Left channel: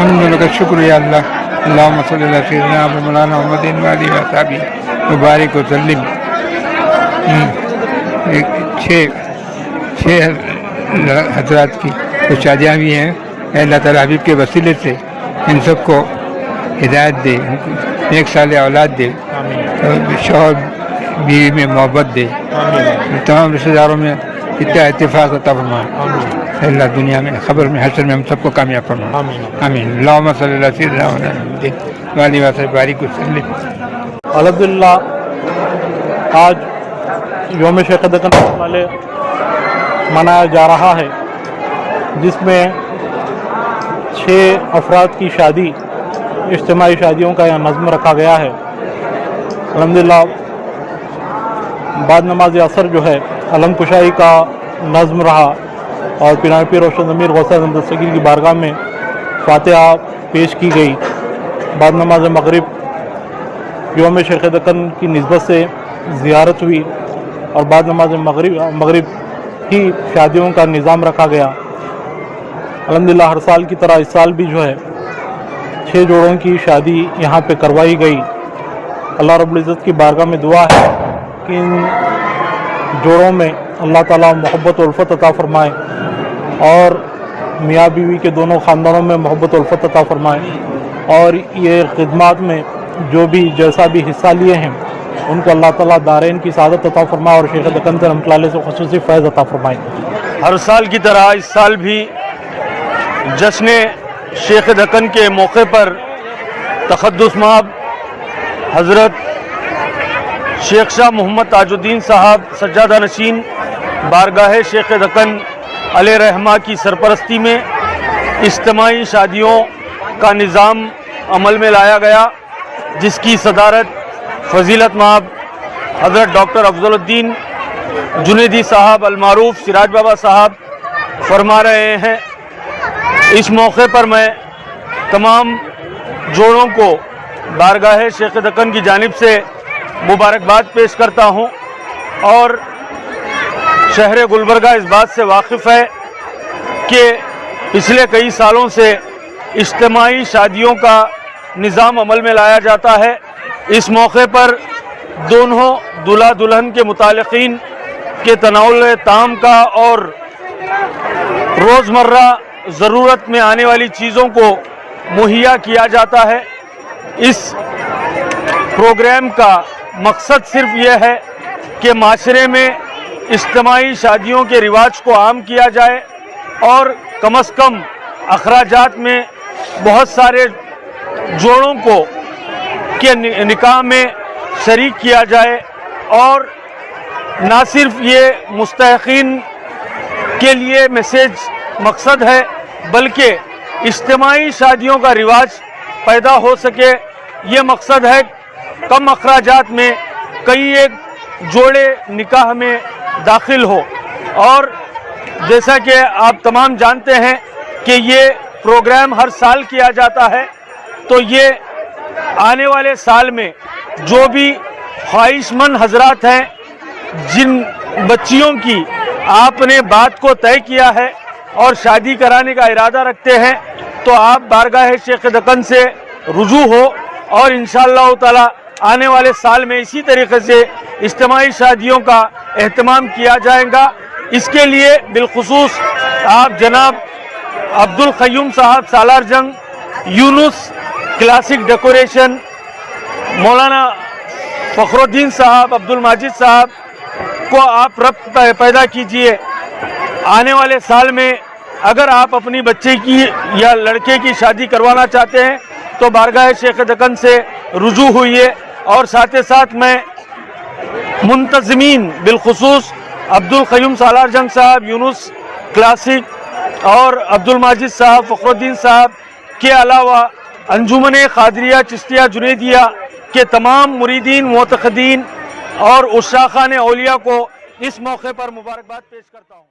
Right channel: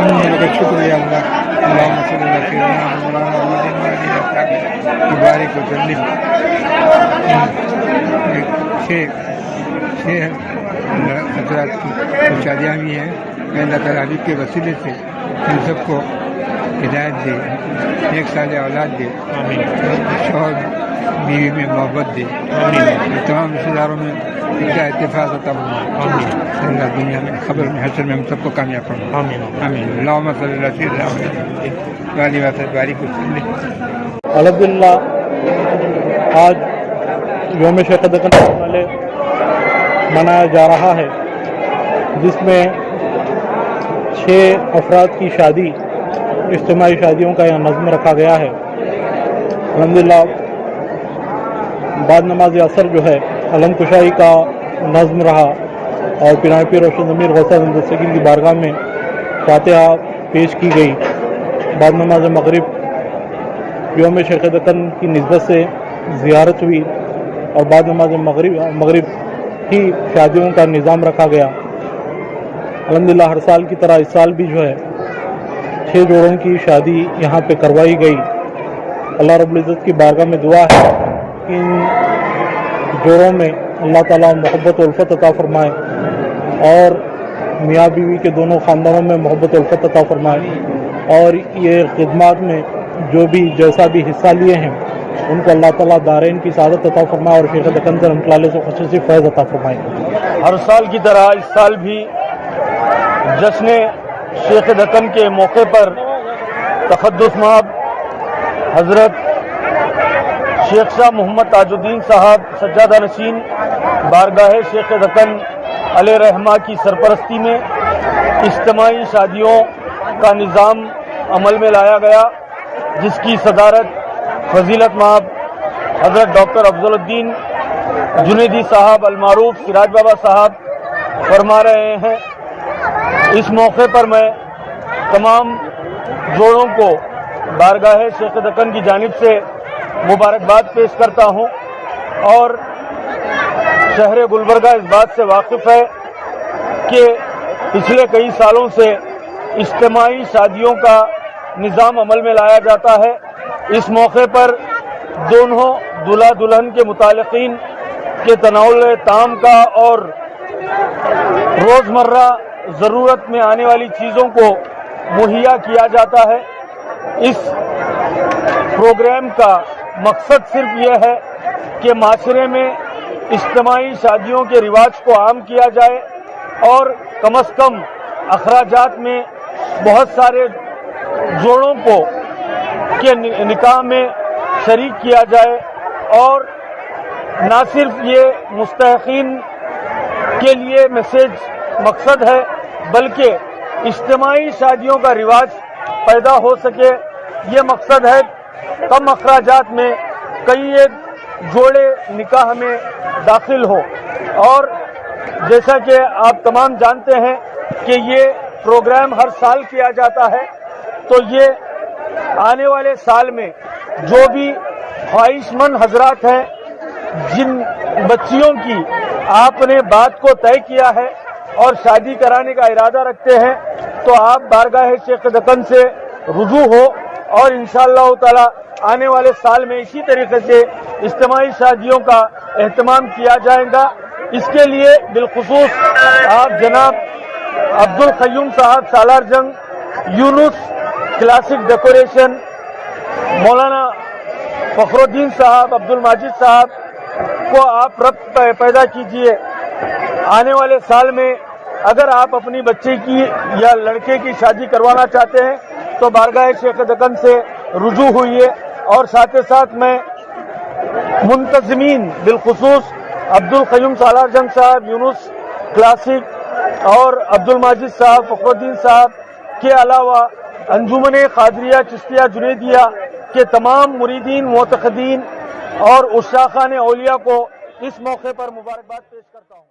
الحمد لك شکر یا اللہ اللہم صلی اللہ سیدنا مولانا محمد وعلی وصحبہ مبارک وسلم. چھ حضرات کی تو شادیاں بھی ہیں. اللہ تعالیٰ حبیب کے وسیلے سے ان سب کو ہدایت دے, ایک سال اولاد دے, شوہر بیوی میں محبت دے, تمام رشتہ داروں میں اتنا اتفاق عطا فرمائے. اللہ دنیا میں خبر میں حشر میں ہم سب کو کامیاب فرمائے. آمین. اللہم صلی اللہ سیدنا محمد وعلی وصحبہ بارک وسلم. الحمدللہ آج یوم شیخ دکن والے منایا جا رہا ہے, جس میں 6 افراد کی شادی, اجتماعی شادیوں کا یہاں نظم رکھا گیا ہے. الحمدللہ بعد نماز عصر جو ہے علم کشائی کا نظم رہا اور پناہ پیر روشن ضمیر غوث اعظم دستگیر کی بارگاہ میں فاتحہ پیش کی گئی. بعد نماز مغرب یوم شیخ دکن کی نسبت سے زیارت ہوئی اور بعد نماز مغرب ہی شادیوں کا نظام رکھا گیا. الحمدللہ ہر سال کی طرح اس سال بھی جو ہے 6 جوڑوں کی شادی یہاں پہ کروائی گئی. اللہ رب العزت کی بارگاہ میں دعا ہے کہ ان جوڑوں میں اللہ تعالیٰ محبت و الفت عطا فرمائے اور میاں بیوی کے دونوں خاندانوں میں محبت و الفت عطا فرمائے, اور یہ خدمات میں جو بھی جیسا بھی حصہ لیے ہیں ان کو اللہ تعالیٰ دارین کی سعادت عطا فرمائے اور شیخ دکن سے رحمۃ اللہ علیہ سے خصوصی فیض عطا فرمائے. ہر سال کی طرح اس سال بھی جشن شیخ دکن کے موقع پر تقدس مآب حضرت شیخ شاہ محمد تاج الدین صاحب سجادہ نشین بارگاہ شیخ دکن علیہ رحمہ کی سرپرستی میں اجتماعی شادیوں کا نظام عمل میں لایا گیا, جس کی صدارت فضیلت مآب حضرت ڈاکٹر افضل الدین جنیدی صاحب المعروف سراج بابا صاحب فرما رہے ہیں. اس موقع پر میں تمام جوڑوں کو بارگاہ شیخ دکن کی جانب سے مبارکباد پیش کرتا ہوں, اور شہر گلبرگہ اس بات سے واقف ہے کہ پچھلے کئی سالوں سے اجتماعی شادیوں کا نظام عمل میں لایا جاتا ہے. اس موقع پر دونوں دلہا دلہن کے متعلقین کے تناول تام کا اور روزمرہ ضرورت میں آنے والی چیزوں کو مہیا کیا جاتا ہے. اس پروگرام کا مقصد صرف یہ ہے کہ معاشرے میں اجتماعی شادیوں کے رواج کو عام کیا جائے اور کم از کم اخراجات میں بہت سارے جوڑوں کو کے نکاح میں شریک کیا جائے, اور نہ صرف یہ مستحقین کے لیے میسیج مقصد ہے بلکہ اجتماعی شادیوں کا رواج پیدا ہو سکے. یہ مقصد ہے کم اخراجات میں کئی ایک جوڑے نکاح میں داخل ہو. اور جیسا کہ آپ تمام جانتے ہیں کہ یہ پروگرام ہر سال کیا جاتا ہے, تو یہ آنے والے سال میں جو بھی خواہش مند حضرات ہیں جن بچیوں کی آپ نے بات کو طے کیا ہے اور شادی کرانے کا ارادہ رکھتے ہیں, تو آپ بارگاہ شیخ دکن سے رجوع ہو, اور انشاءاللہ تعالی آنے والے سال میں اسی طریقے سے اجتماعی شادیوں کا اہتمام کیا جائے گا. اس کے لیے بالخصوص آپ جناب عبدالقیوم صاحب سالار جنگ, یونس کلاسک ڈیکوریشن, مولانا فخر الدین صاحب, عبدالماجد صاحب کو آپ ربط پیدا کیجئے. آنے والے سال میں اگر آپ اپنی بچے کی یا لڑکے کی شادی کروانا چاہتے ہیں تو بارگاہ شیخ دکن سے رجوع ہوئیے, اور ساتھ ساتھ میں منتظمین بالخصوص عبدالقیوم سالار جنگ صاحب, یونس کلاسک اور عبدالماجد صاحب, فخر الدین صاحب کے علاوہ انجمن قادریہ چشتیہ جنیدیہ کے تمام مریدین, معتقدین اور عشاقان اولیاء کو اس موقع پر مبارکباد پیش کرتا ہوں.